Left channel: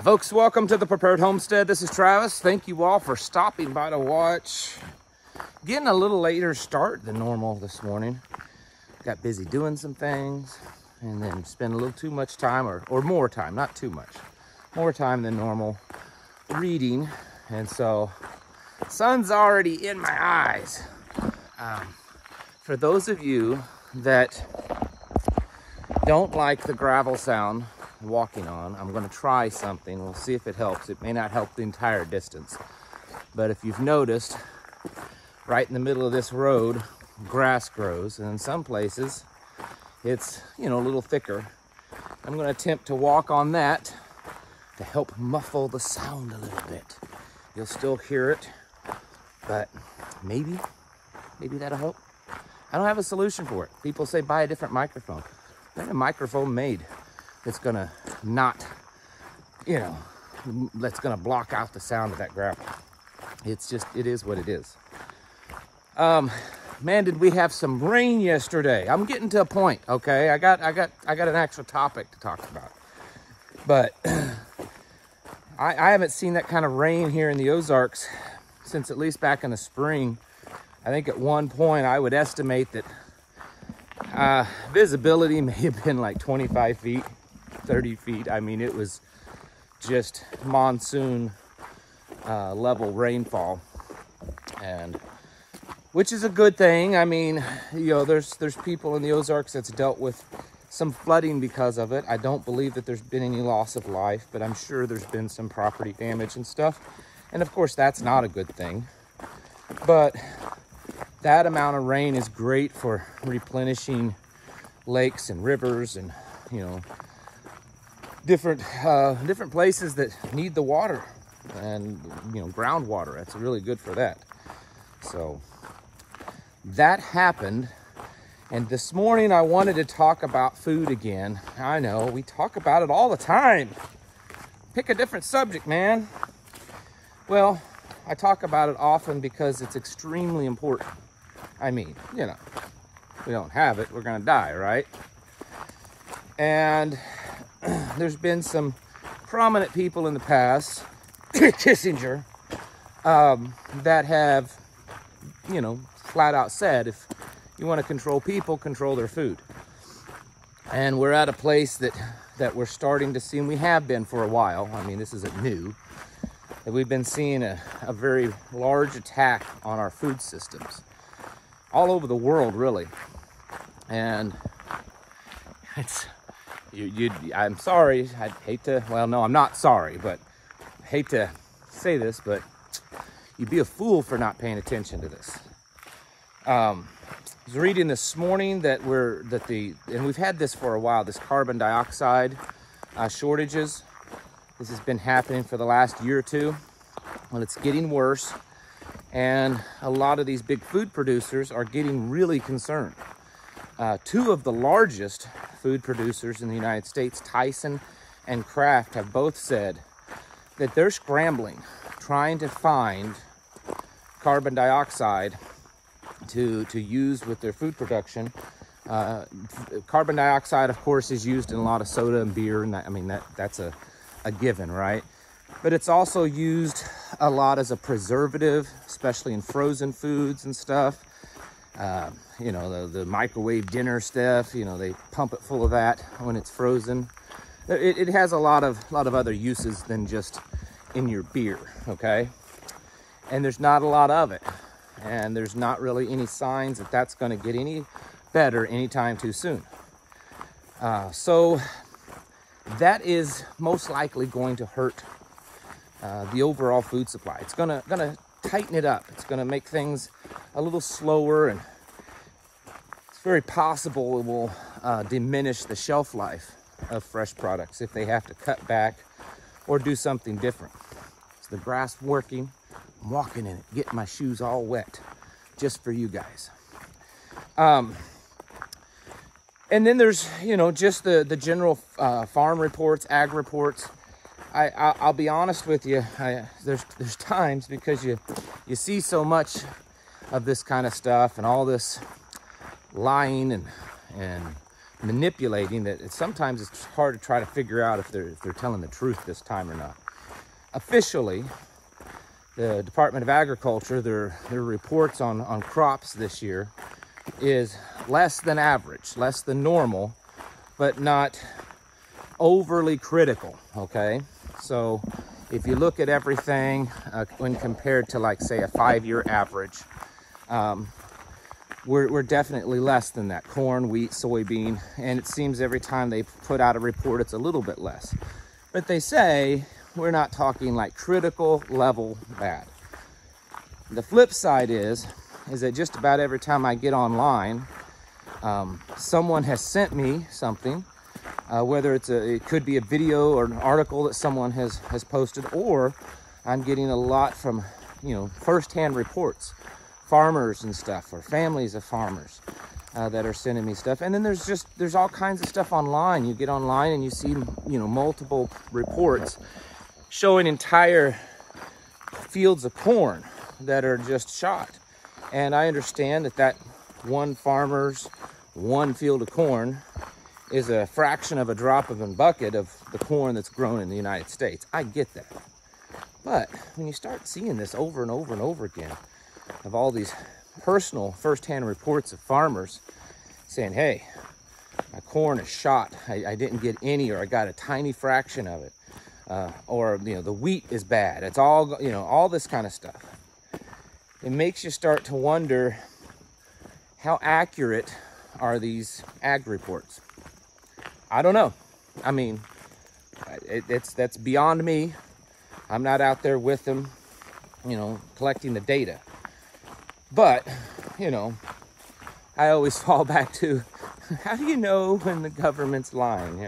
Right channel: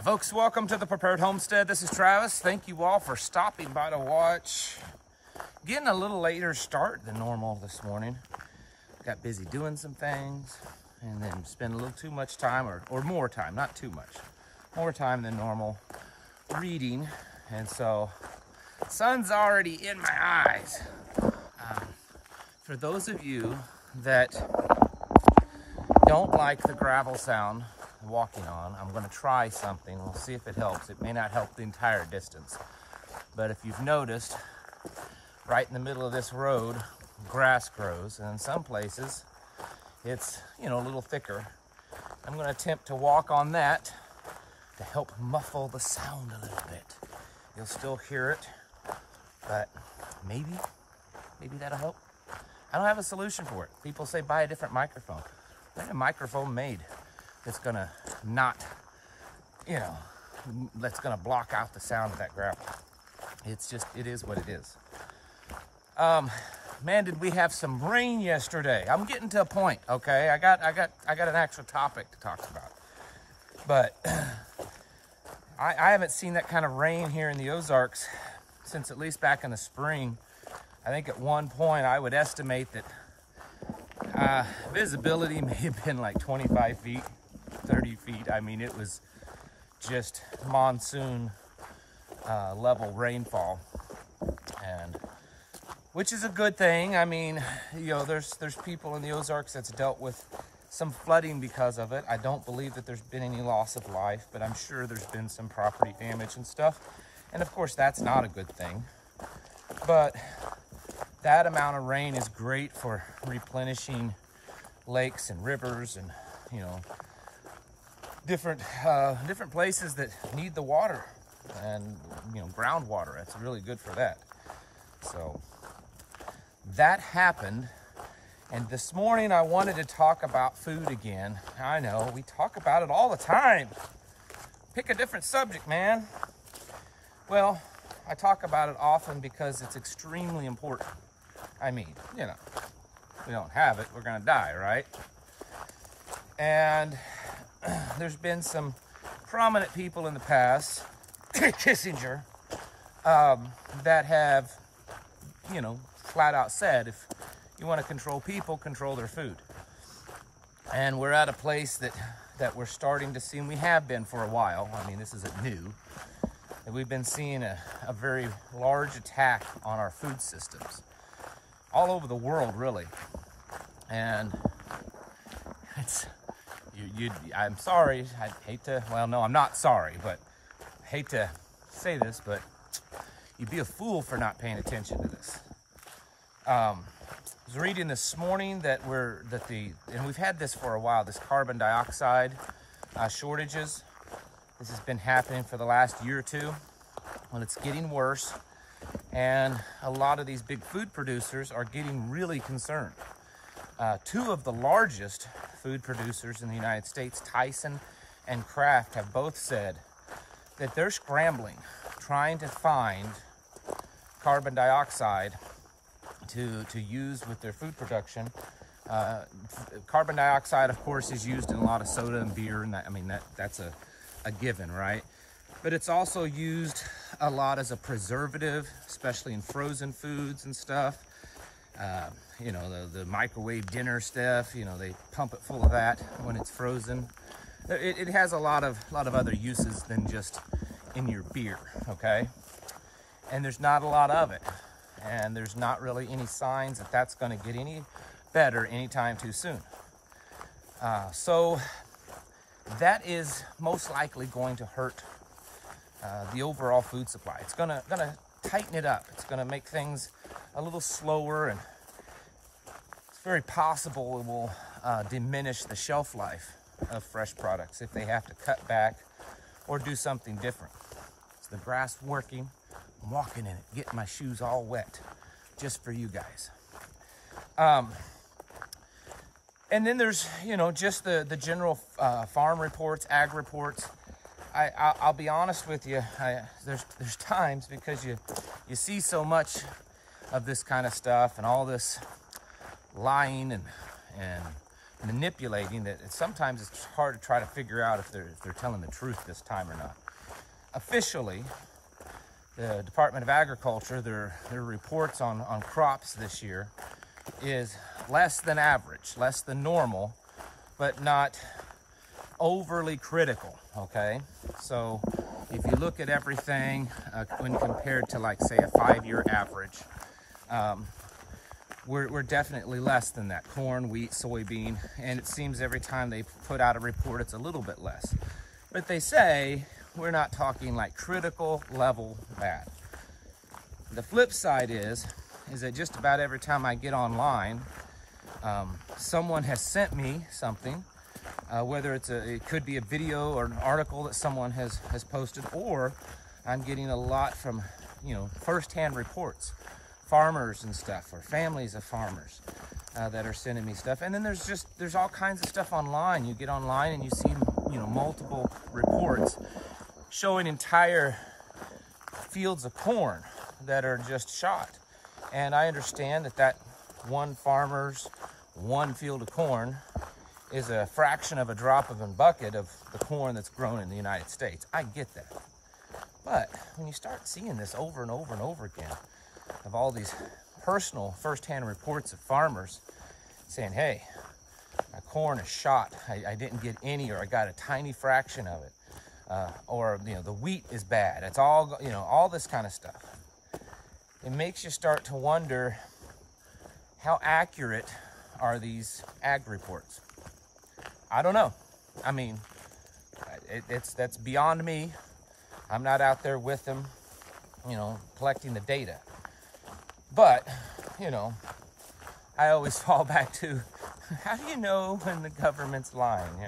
Hi folks, welcome to the Prepared Homestead. This is Travis. Thank you all for stopping by to watch. Getting a little later start than normal this morning. Got busy doing some things and then spent a little too much time or more time, not too much, more time than normal reading. And so sun's already in my eyes. For those of you that don't like the gravel sound walking on, I'm going to try something. We'll see if it helps. It may not help the entire distance, but if you've noticed, right in the middle of this road, grass grows, and in some places it's, a little thicker. I'm going to attempt to walk on that to help muffle the sound a little bit. You'll still hear it, but maybe that'll help. I don't have a solution for it. People say buy a different microphone. There's a microphone made that's gonna not, that's gonna block out the sound of that gravel. It is what it is. Man, did we have some rain yesterday? I'm getting to a point, okay? I got an actual topic to talk about. But I haven't seen that kind of rain here in the Ozarks since at least back in the spring. I think at one point I would estimate that visibility may have been like 25 feet, 30 feet. I mean, it was just monsoon level rainfall, and which is a good thing. I mean, there's people in the Ozarks that's dealt with some flooding because of it. I don't believe that there's been any loss of life, but I'm sure there's been some property damage and stuff. And of course, that's not a good thing. But that amount of rain is great for replenishing lakes and rivers and, different places that need the water and, groundwater. It's really good for that. So that happened. And this morning I wanted to talk about food again. I know, we talk about it all the time. Pick a different subject, man. Well, I talk about it often because it's extremely important. I mean, if we don't have it, we're gonna die, right? And there's been some prominent people in the past, Kissinger, that have, flat out said, if you want to control people, control their food. And we're at a place that we're starting to see, and we have been for a while. I mean, this isn't new. That we've been seeing a very large attack on our food systems all over the world, really. And it's, I'm sorry, I'd hate to, well, no, I'm not sorry, but I hate to say this, but you'd be a fool for not paying attention to this. I was reading this morning that and we've had this for a while, this carbon dioxide shortages. This has been happening for the last year or two. Well, it's getting worse. And a lot of these big food producers are getting really concerned. Two of the largest food producers in the United States, Tyson and Kraft, have both said that they're scrambling, trying to find carbon dioxide to use with their food production. Carbon dioxide, of course, is used in a lot of soda and beer, and that's a given, right? But it's also used a lot as a preservative, especially in frozen foods and stuff. The microwave dinner stuff, they pump it full of that when it's frozen. It has a lot of other uses than just in your beer, okay? And there's not a lot of it. And there's not really any signs that that's going to get any better anytime too soon. So that is most likely going to hurt the overall food supply. It's gonna tighten it up. It's gonna make things a little slower, and it's very possible it will diminish the shelf life of fresh products if they have to cut back or do something different. Is the grass working? I'm walking in it, getting my shoes all wet just for you guys. And then there's, just the general farm reports, ag reports. I'll be honest with you, there's times, because you see so much of this kind of stuff and all this lying and manipulating that sometimes it's hard to try to figure out if they're telling the truth this time or not. Officially, the Department of Agriculture, their reports on crops this year is less than average, less than normal, but not overly critical, okay? So if you look at everything when compared to, like, say, a 5-year average, we're definitely less than that. Corn, wheat, soybean, and it seems every time they put out a report, it's a little bit less. But they say we're not talking like critical level bad. The flip side is that just about every time I get online, someone has sent me something, whether it could be a video or an article that someone has posted, or I'm getting a lot from, firsthand reports, farmers and stuff, or families of farmers that are sending me stuff. And then there's all kinds of stuff online. You get online and you see, multiple reports showing entire fields of corn that are just shot. And I understand that one farmer's one field of corn is a fraction of a drop of a bucket of the corn that's grown in the United States. I get that. But when you start seeing this over and over and over again, of all these personal firsthand reports of farmers saying, hey, my corn is shot, I didn't get any, or I got a tiny fraction of it, or the wheat is bad, it's all, all this kind of stuff. It makes you start to wonder, how accurate are these ag reports? I don't know. I mean, that's beyond me. I'm not out there with them, collecting the data. But, I always fall back to, how do you know when the government's lying,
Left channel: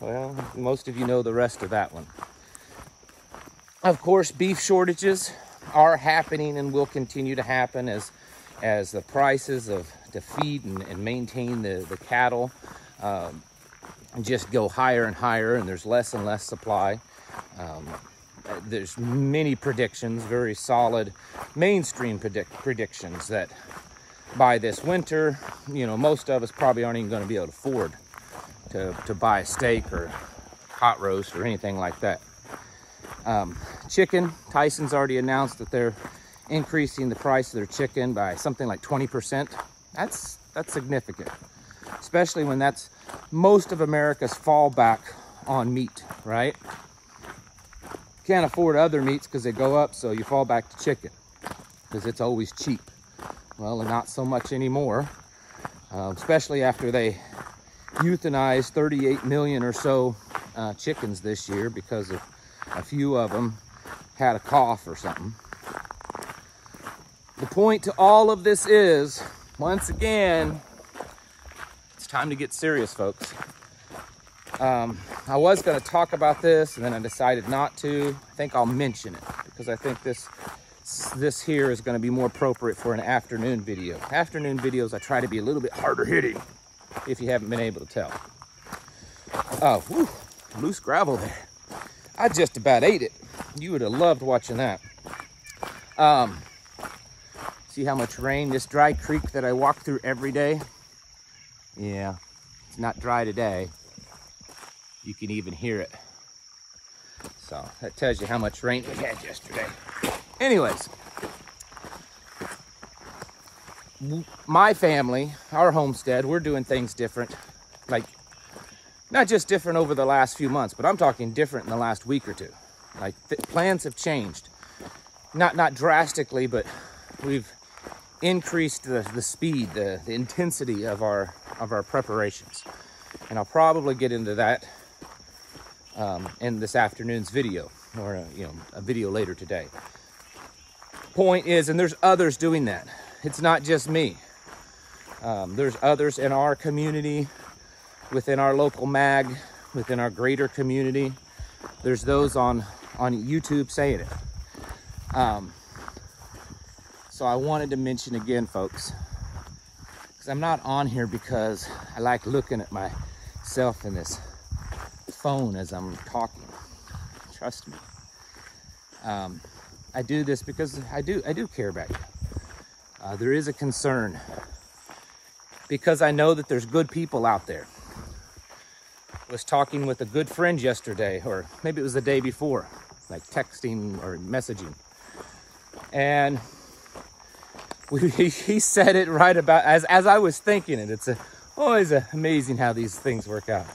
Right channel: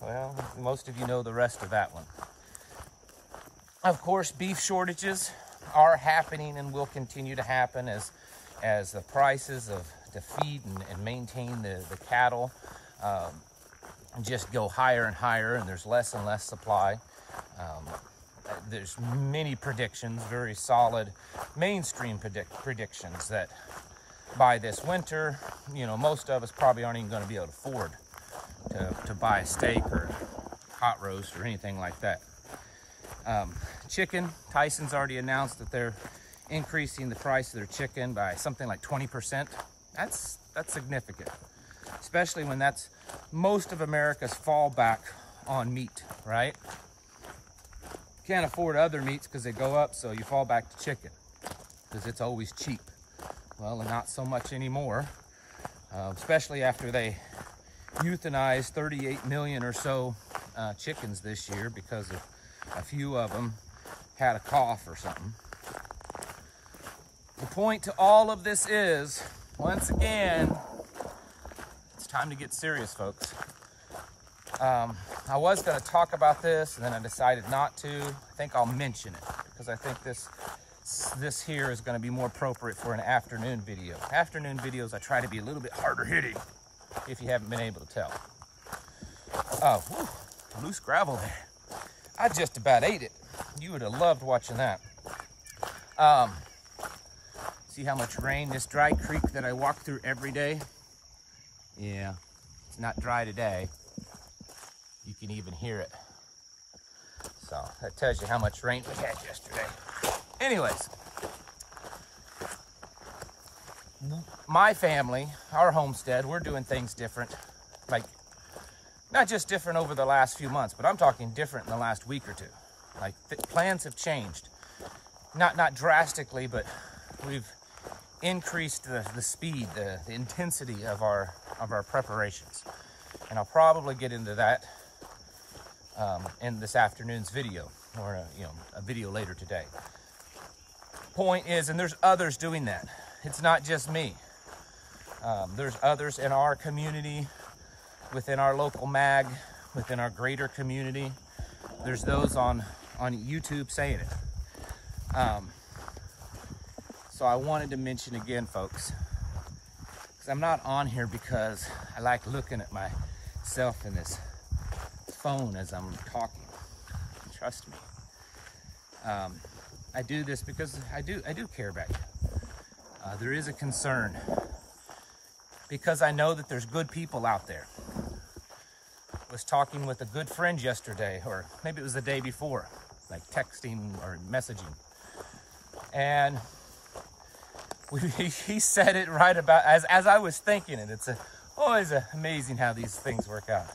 Well, most of you know the rest of that one. Of course, beef shortages are happening and will continue to happen as the prices to feed and maintain the cattle just go higher and higher, and there's less and less supply. There's many predictions, very solid mainstream predictions, that by this winter, most of us probably aren't even going to be able to afford to buy a steak or hot roast or anything like that. Chicken, Tyson's already announced that they're increasing the price of their chicken by something like 20%. That's significant, especially when that's most of America's fallback on meat, right? Can't afford other meats because they go up, so you fall back to chicken because it's always cheap. Well, not so much anymore, especially after they euthanized 38 million or so chickens this year because of a few of them had a cough or something. The point to all of this is, once again, it's time to get serious, folks. I was going to talk about this, and then I decided not to. I think I'll mention it because I think this here is going to be more appropriate for an afternoon video. Afternoon videos, I try to be a little bit harder hitting, if you haven't been able to tell. Oh, whew, loose gravel there. I just about ate it. You would have loved watching that. See how much rain this dry creek that I walk through every day? Yeah, it's not dry today. You can even hear it. So that tells you how much rain we had yesterday. Anyways, my family, our homestead, we're doing things different. Like, not just different over the last few months, but I'm talking different in the last week or two. Like, plans have changed. Not drastically, but we've increased the speed, the intensity of our preparations. And I'll probably get into that in this afternoon's video, or a video later today. Point is, and there's others doing that. It's not just me. There's others in our community, within our local mag, within our greater community. There's those on YouTube saying it. So I wanted to mention again, folks, because I'm not on here because I like looking at myself in this phone as I'm talking. Trust me. I do this because I do care about you. There is a concern because I know that there's good people out there. I was talking with a good friend yesterday, or maybe it was the day before, like texting or messaging. And he said it right about, as I was thinking it. It's always amazing how these things work out.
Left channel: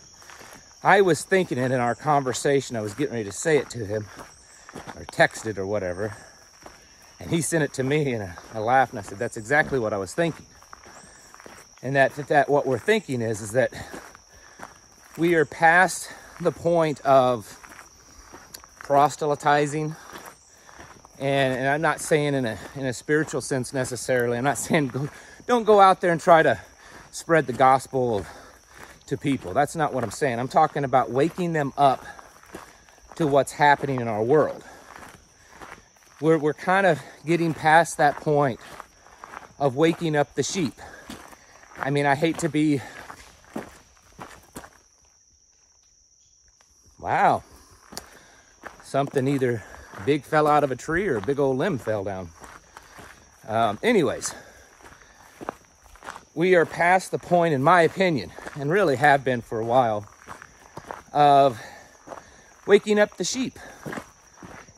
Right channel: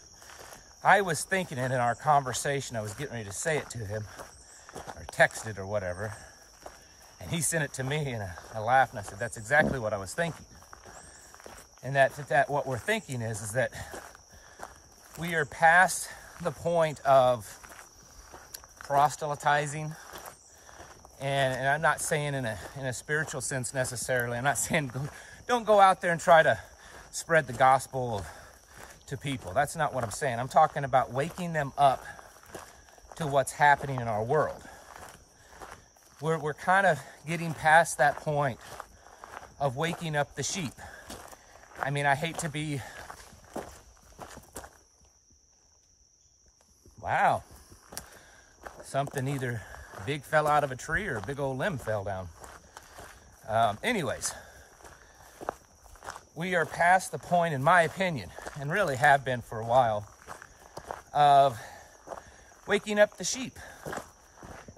I was thinking it in our conversation. I was getting ready to say it to him, or text it or whatever. And he sent it to me, and I laughed, and I said, that's exactly what I was thinking. And that what we're thinking is that we are past the point of proselytizing. And I'm not saying in a spiritual sense necessarily. I'm not saying don't go out there and try to spread the gospel to people. That's not what I'm saying. I'm talking about waking them up to what's happening in our world. We're kind of getting past that point of waking up the sheep. I mean, I hate to be... Wow. Something either big fell out of a tree or a big old limb fell down. Anyways, we are past the point, in my opinion, and really have been for a while, of waking up the sheep.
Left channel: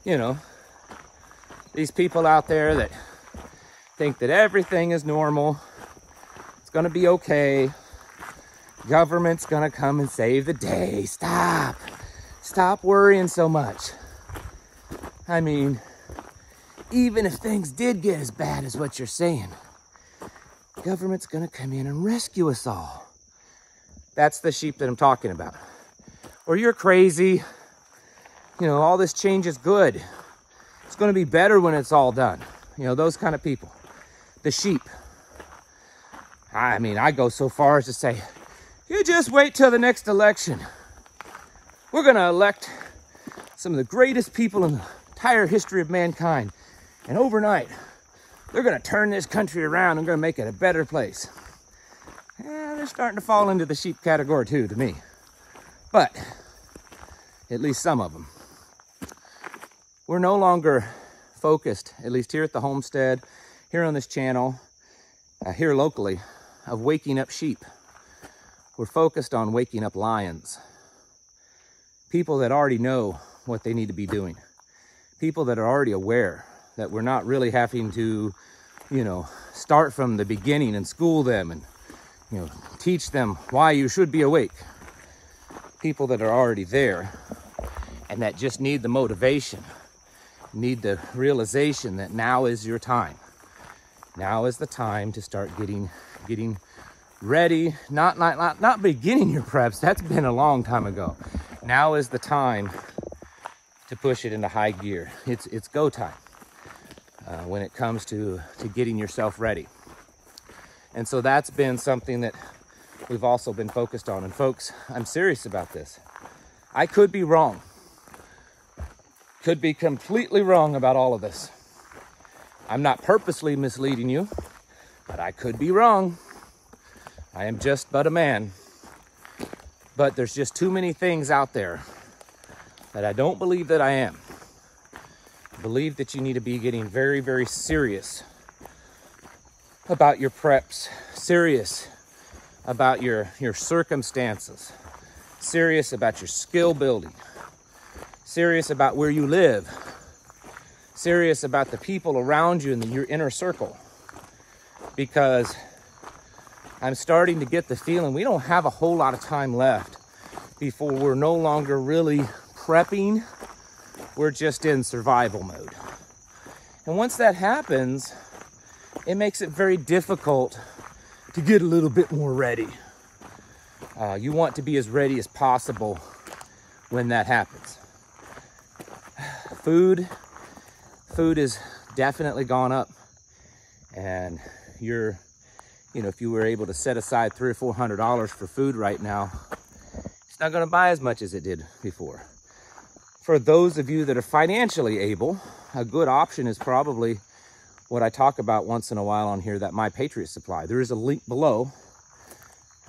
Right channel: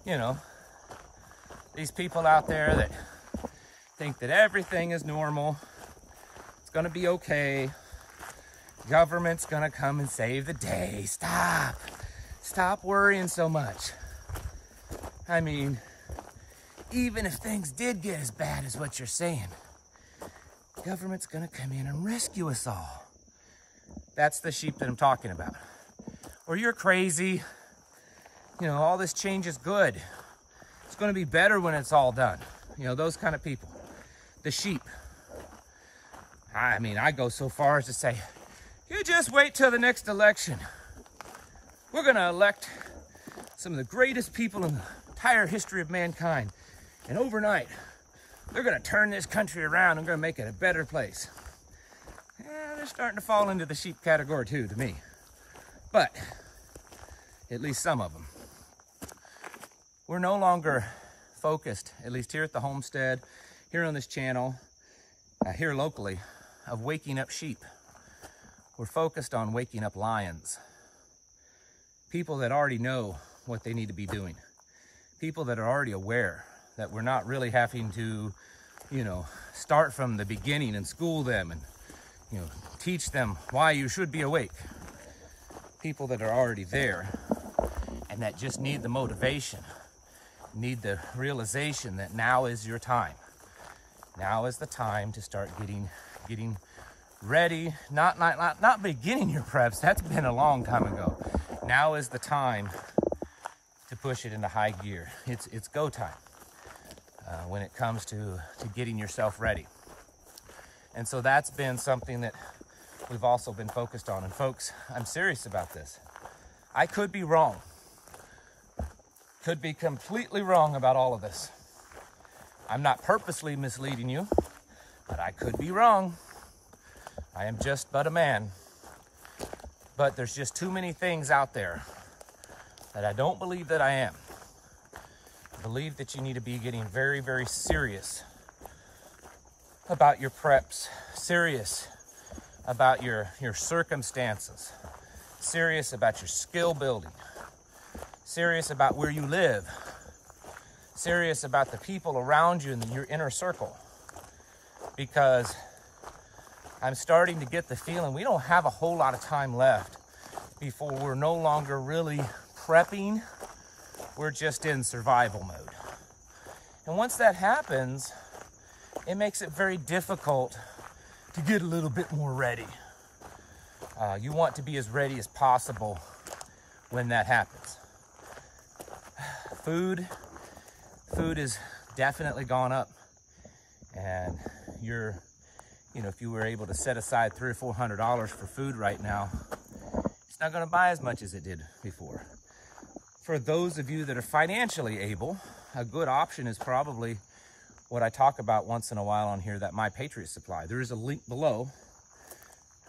You know, these people out there that think that everything is normal, it's gonna be okay, government's gonna come and save the day. Stop worrying so much. I mean, even if things did get as bad as what you're saying, government's gonna come in and rescue us all. That's the sheep that I'm talking about. Or you're crazy, you know, all this change is good. It's gonna be better when it's all done. You know, those kind of people. The sheep. I mean, I go so far as to say, you just wait till the next election. We're gonna elect some of the greatest people in the entire history of mankind. And overnight, they're gonna turn this country around and gonna make it a better place. Yeah, they're starting to fall into the sheep category too, to me. But, at least some of them. We're no longer focused, at least here at the homestead, here on this channel, here locally, of waking up sheep. We're focused on waking up lions. People that already know what they need to be doing. People that are already aware that we're not really having to, you know, start from the beginning and school them and, you know, teach them why you should be awake. People that are already there and that just need the motivation, need the realization that now is your time. Now is the time to start getting ready, not beginning your preps. That's been a long time ago. Now is the time to push it into high gear. It's go time when it comes to getting yourself ready. And so that's been something that we've also been focused on. And folks, I'm serious about this. I could be wrong. Could be completely wrong about all of this. I'm not purposely misleading you, but I could be wrong. I am just but a man. But there's just too many things out there that I don't believe that I am. I believe that you need to be getting very, very serious about your preps, serious about your circumstances, serious about your skill building, serious about where you live, serious about the people around you in your inner circle. Because I'm starting to get the feeling we don't have a whole lot of time left before we're no longer really prepping. We're just in survival mode. And once that happens, it makes it very difficult to get a little bit more ready. You want to be as ready as possible when that happens. Food has definitely gone up, and if you were able to set aside $300 or $400 for food right now, it's not going to buy as much as it did before. For those of you that are financially able, a good option is probably what I talk about once in a while on here, that My Patriot Supply. There is a link below.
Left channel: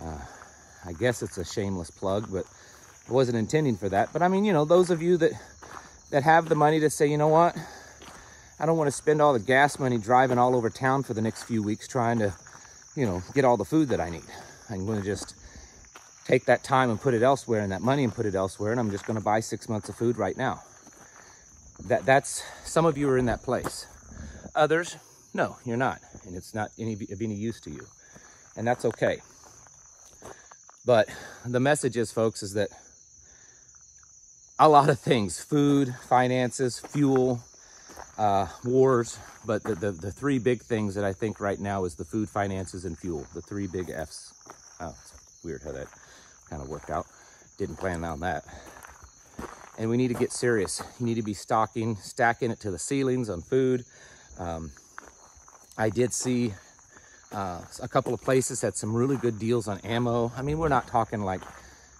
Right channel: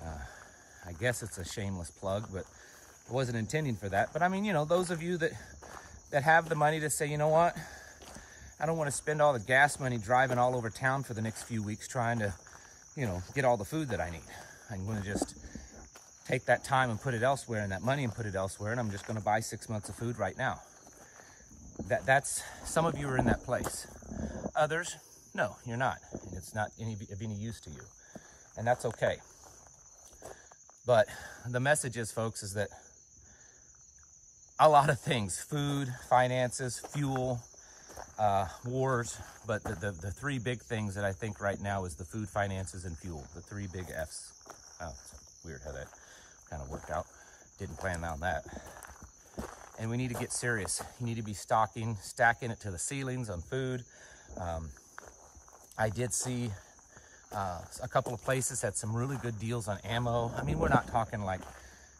I guess it's a shameless plug, but I wasn't intending for that. But I mean, those of you that have the money to say, you know what, I don't want to spend all the gas money driving all over town for the next few weeks trying to you know, get all the food that I need. I'm going to just take that time and put it elsewhere, and that money and put it elsewhere, and I'm just going to buy 6 months of food right now. That's some of you are in that place. Others, no, you're not, and it's not of any use to you, and that's okay. But the message is, folks, is that a lot of things, food, finances, fuel, wars, but the three big things that I think right now is the food, finances, and fuel, the three big F's. Oh, it's weird how that kind of worked out. Didn't plan on that. And we need to get serious. You need to be stacking it to the ceilings on food. I did see a couple of places had some really good deals on ammo. I mean, we're not talking like,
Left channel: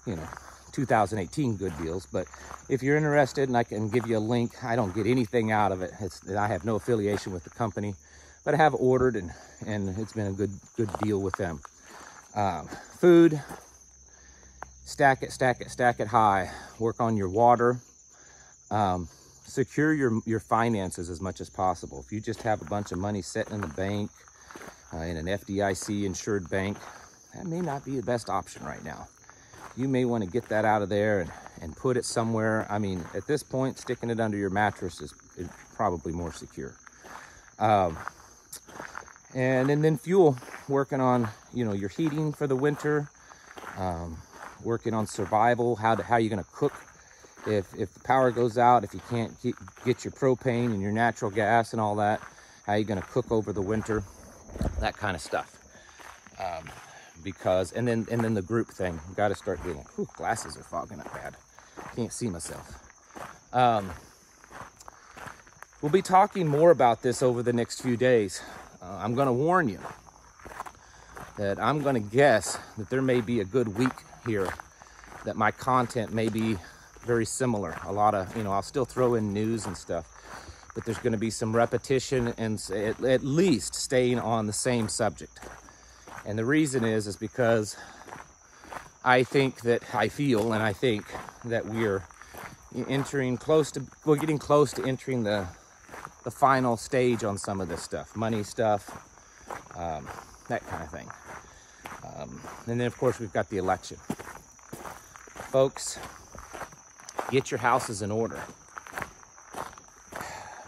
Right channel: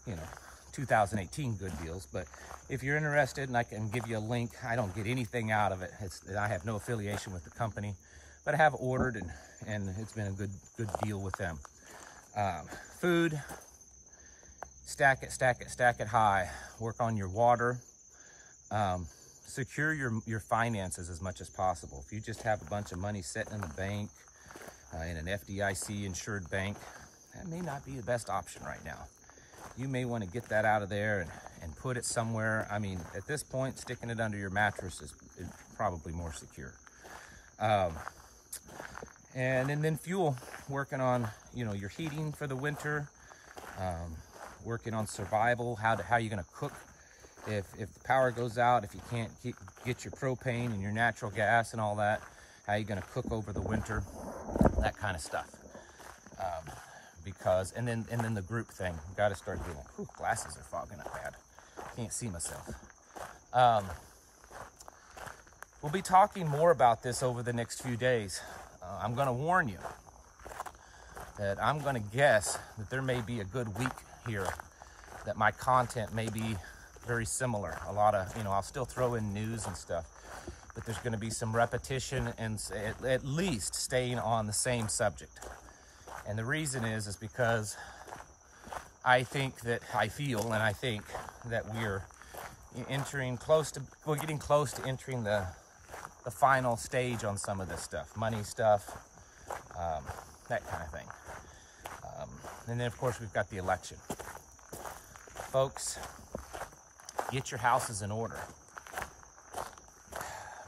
you know, 2018 good deals, but if you're interested, and I can give you a link, I don't get anything out of it. I have no affiliation with the company, but I have ordered, and it's been a good deal with them. Food, stack it high. Work on your water. Secure your finances as much as possible. If you just have a bunch of money sitting in the bank, in an FDIC insured bank, that may not be the best option right now. You may want to get that out of there and put it somewhere. I mean, at this point, sticking it under your mattress is probably more secure. And then fuel, working on, you know, your heating for the winter, working on survival, how you're gonna cook if the power goes out, if you can't get your propane and your natural gas and all that, how you gonna cook over the winter, that kind of stuff. Because, and then the group thing, you got to start doing it. Whew, glasses are fogging up bad. Can't see myself. We'll be talking more about this over the next few days. I'm going to warn you that I'm going to guess that there may be a good week here, that my content may be very similar. A lot of, you know, I'll still throw in news and stuff, but there's going to be some repetition and at least staying on the same subject. And the reason is because I think that we're getting close to entering the final stage on some of this stuff, money stuff, that kind of thing. And then of course we've got the election. Folks, get your houses in order.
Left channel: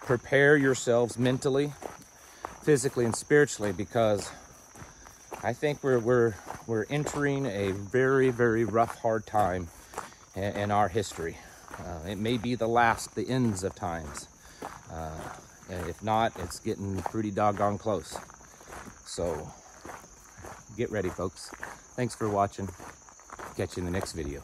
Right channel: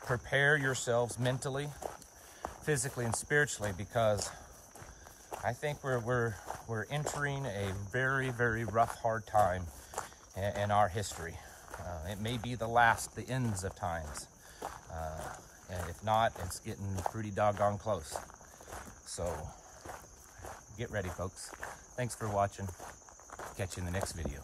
Prepare yourselves mentally, physically, and spiritually, because I think we're entering a very, very rough, hard time in our history. It may be the ends of times. And if not, it's getting pretty doggone close. So get ready, folks. Thanks for watching. Catch you in the next video.